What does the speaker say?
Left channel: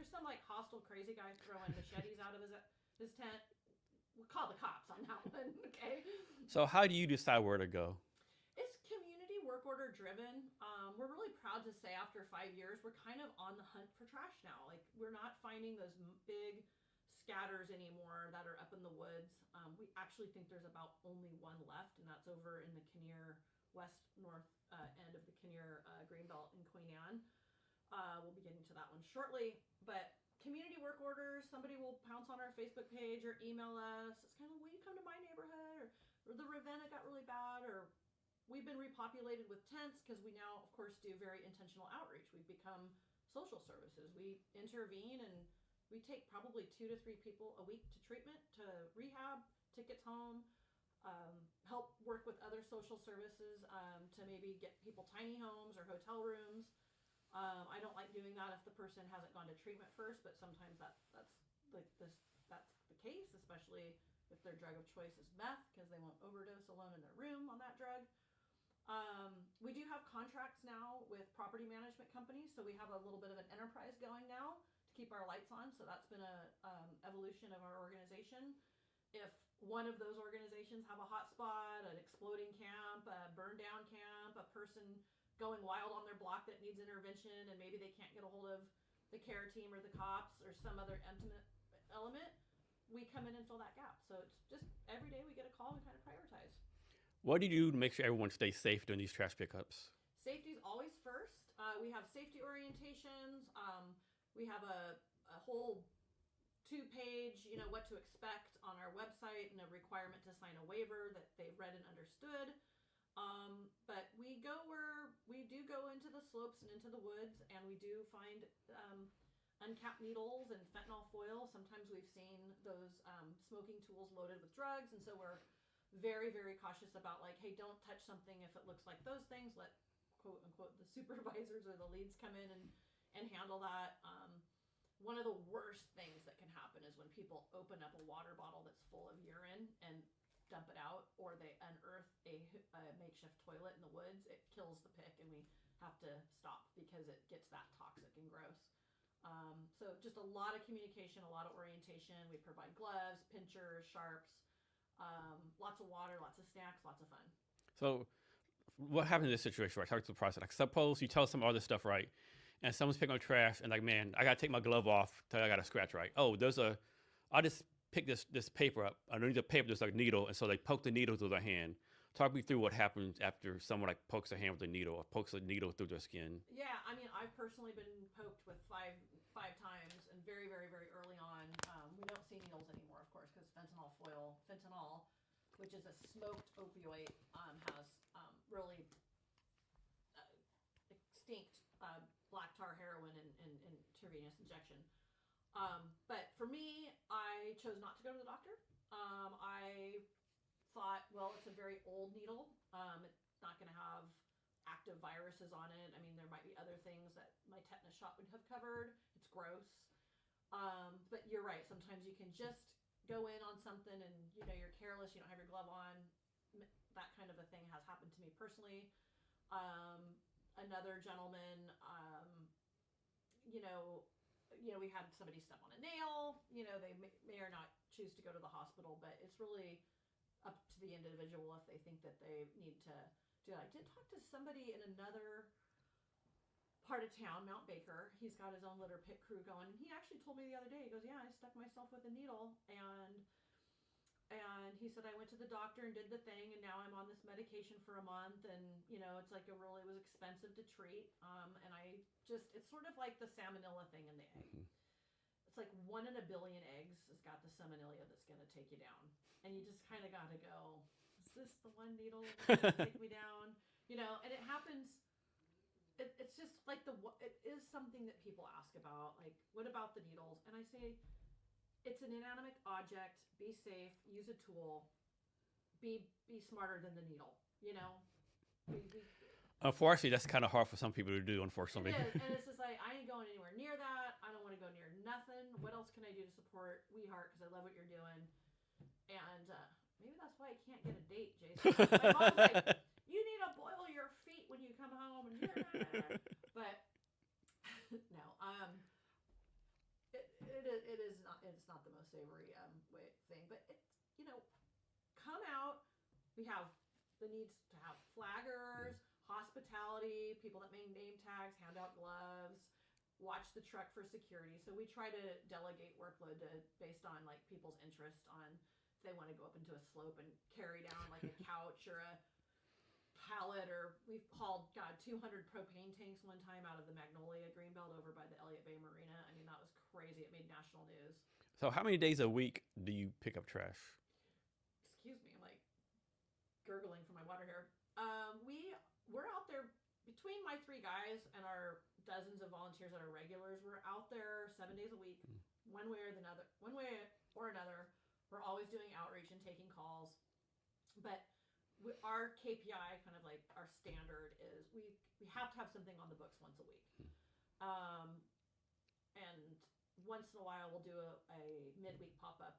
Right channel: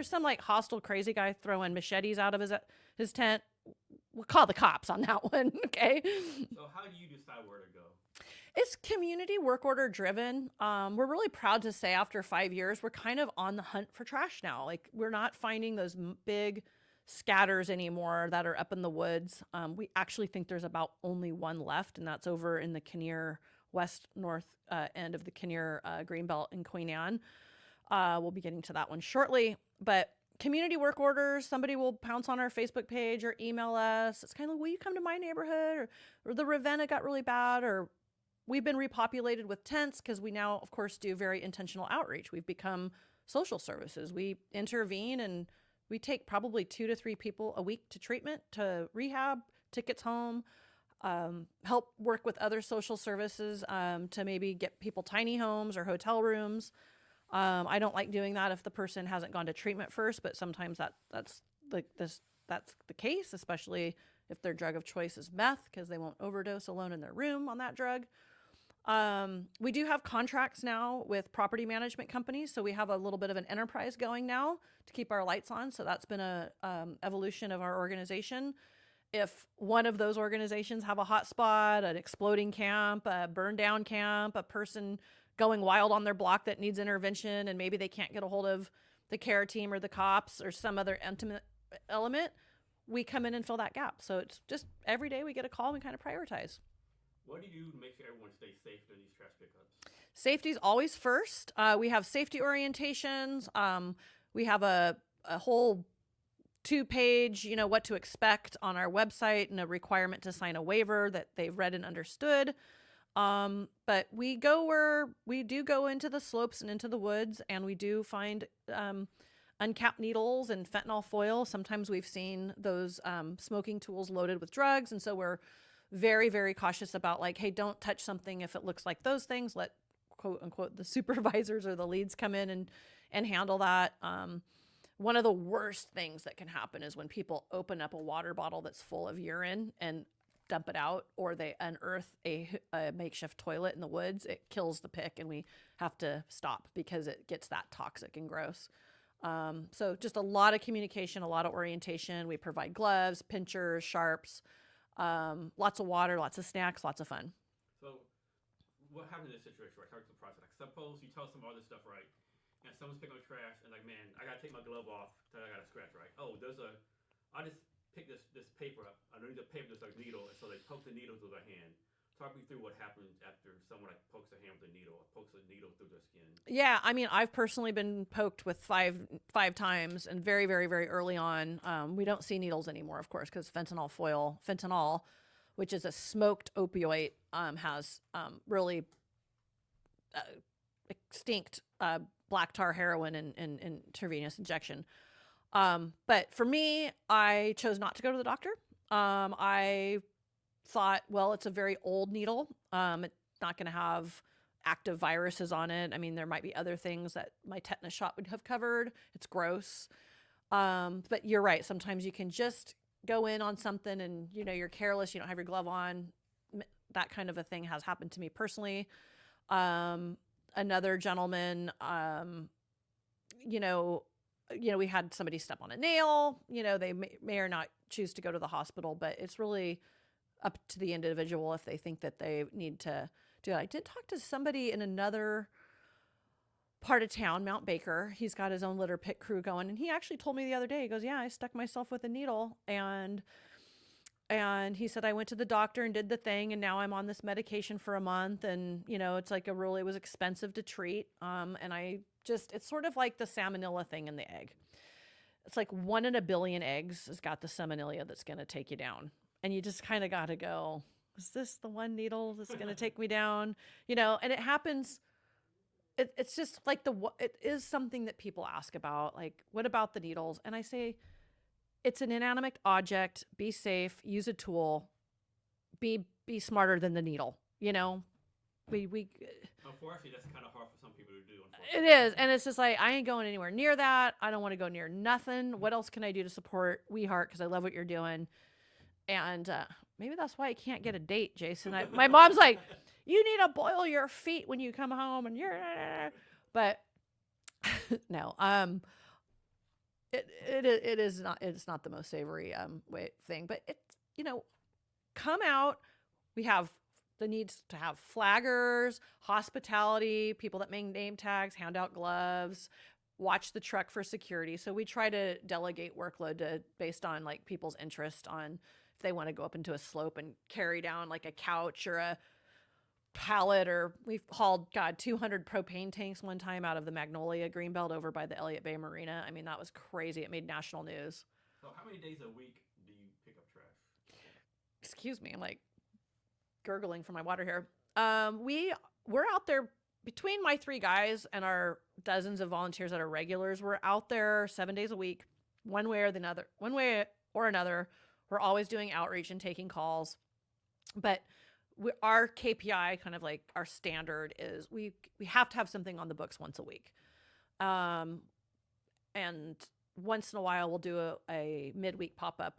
there's some like hostile crazy guy throwing machetes out of his tent, we'll call the cops on that one. Okay. So how do you decide where to go? It's community work order driven. We're really proud to say after 5 years, we're kind of on the hunt for trash now. Like we're not finding those big scatters anymore that are up in the woods. We actually think there's about only one left, and that's over in the Kinnear west north end of the Kinnear Greenbelt in Queen Anne. We'll be getting to that one shortly, but community work orders, somebody will pounce on our Facebook page or email us. It's kind of like, will you come to my neighborhood? Or the Ravenna got really bad, or we've been repopulated with tents because we now, of course, do very intentional outreach. We've become social services. We intervene and we take probably 2 to 3 people a week to treatment, to rehab, tickets home, help work with other social services to maybe get people tiny homes or hotel rooms. I don't like doing that if the person hasn't gone to treatment first, but sometimes that's the case, especially if their drug of choice is meth, because they won't overdose alone in their room on that drug. We do have contracts now with property management companies, so we have a little bit of an enterprise going now to keep our lights on. So that's been a evolution of our organization. If one of those organizations have a hot spot, an exploding camp, a burned down camp, a person going wild on their block that needs intervention, and maybe they can't get a hold of the care team or the cops or some other intimate element, we come in and fill that gap. So it's just every day we get a call and we kind of prioritize. What do you do to make sure everyone stays safe during these trash pickups? Safety's always first. We have safety orientations. We have a whole 2-page, what to expect on our website, and a requirement to sign a waiver that they've read and understood. But we do go into the slopes and into the woods, and we do find uncapped needles and fentanyl foil. Sometimes we've seen those smoking tools loaded with drugs, and so we're very, very cautious about like, hey, don't touch something if it looks like those things. Let quote unquote the supervisors or the leads come in and handle that. One of the worst things that can happen is when people open up a water bottle that's full of urine and dump it out, or they unearth a makeshift toilet in the woods. It kills the pick, and we have to stop because it gets that toxic and gross. So just a lot of communication, a lot of orientation. We provide gloves, pinchers, sharps, lots of water, lots of snacks, lots of fun. So what happens in this situation, right? Start the process. Like, suppose you tell some other stuff, right? And someone's picking up trash, and like, man, I got to take my glove off till I got a scratch, right? Oh, I'll just pick this paper up. Underneath the paper, there's like a needle, and so they poke the needle through their hand. Talk me through what happens after someone like pokes their hand with a needle or pokes a needle through their skin. Yeah, I mean, I've personally been poked with five times, and very, very, very early on. We don't see needles anymore, of course, because fentanyl, which is a smoked opioid, has really extinct black tar heroin and intravenous injection. But for me, I chose not to go to the doctor. I thought, well, it's a very old needle. It's not going to have active viruses on it. I mean, there might be other things that my tetanus shot would have covered. It's gross. But you're right. Sometimes you can just go in on something and, you're careless. You don't have your glove on. That kind of a thing has happened to me personally. Another gentleman, we had somebody step on a nail. They may or not choose to go to the hospital, but it's really up to the individual if they think that they need to do it. I did talk to somebody in another part of town, Mount Baker. He's got his own litter pick crew going, and he actually told me the other day, he goes, yeah, I stuck myself with a needle, and he said, I went to the doctor and did the thing, and now I'm on this medication for a month, and it's like it was expensive to treat, and it's sort of like the salmonella thing in the egg. It's like 1 in a billion eggs has got the salmonella that's going to take you down. And you just kind of got to go, is this the one needle that's going to take me down? And it happens. It's just like it is something that people ask about. Like, what about the needles? And I say, it's an inanimate object. Be safe. Use a tool. Be smarter than the needle. We Unfortunately, that's kind of hard for some people to do, unfortunately. It is. And it's just like, I ain't going anywhere near that. I don't want to go near nothing. What else can I do to support We Heart? Because I love what you're doing. And maybe that's why I can't get a date, Jason. My mom's like, you need to boil your feet when you come home. And but no. it's not the most savory thing, but it's, come out. We have the needs to have flaggers, hospitality, people that make name tags, hand out gloves, watch the truck for security. So we try to delegate workload based on like people's interest on if they want to go up into a slope and carry down like a couch or a pallet, or we've hauled 200 propane tanks one time out of the Magnolia Greenbelt over by the Elliott Bay Marina. I mean, that was crazy. It made national news. So how many days a week do you pick up trash? Excuse me, I'm like gurgling for my water here. We're out there between my 3 guys and our dozens of volunteers that are regulars. We're out there 7 days a week, one way or another. We're always doing outreach and taking calls, but our KPI, kind of like our standard, is we have to have something on the books once a week. And once in a while we'll do a midweek pop-up